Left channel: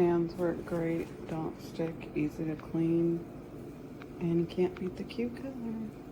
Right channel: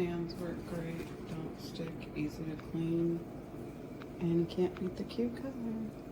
pans work great, don't stick, easy to clean, and you can't beat the cute color.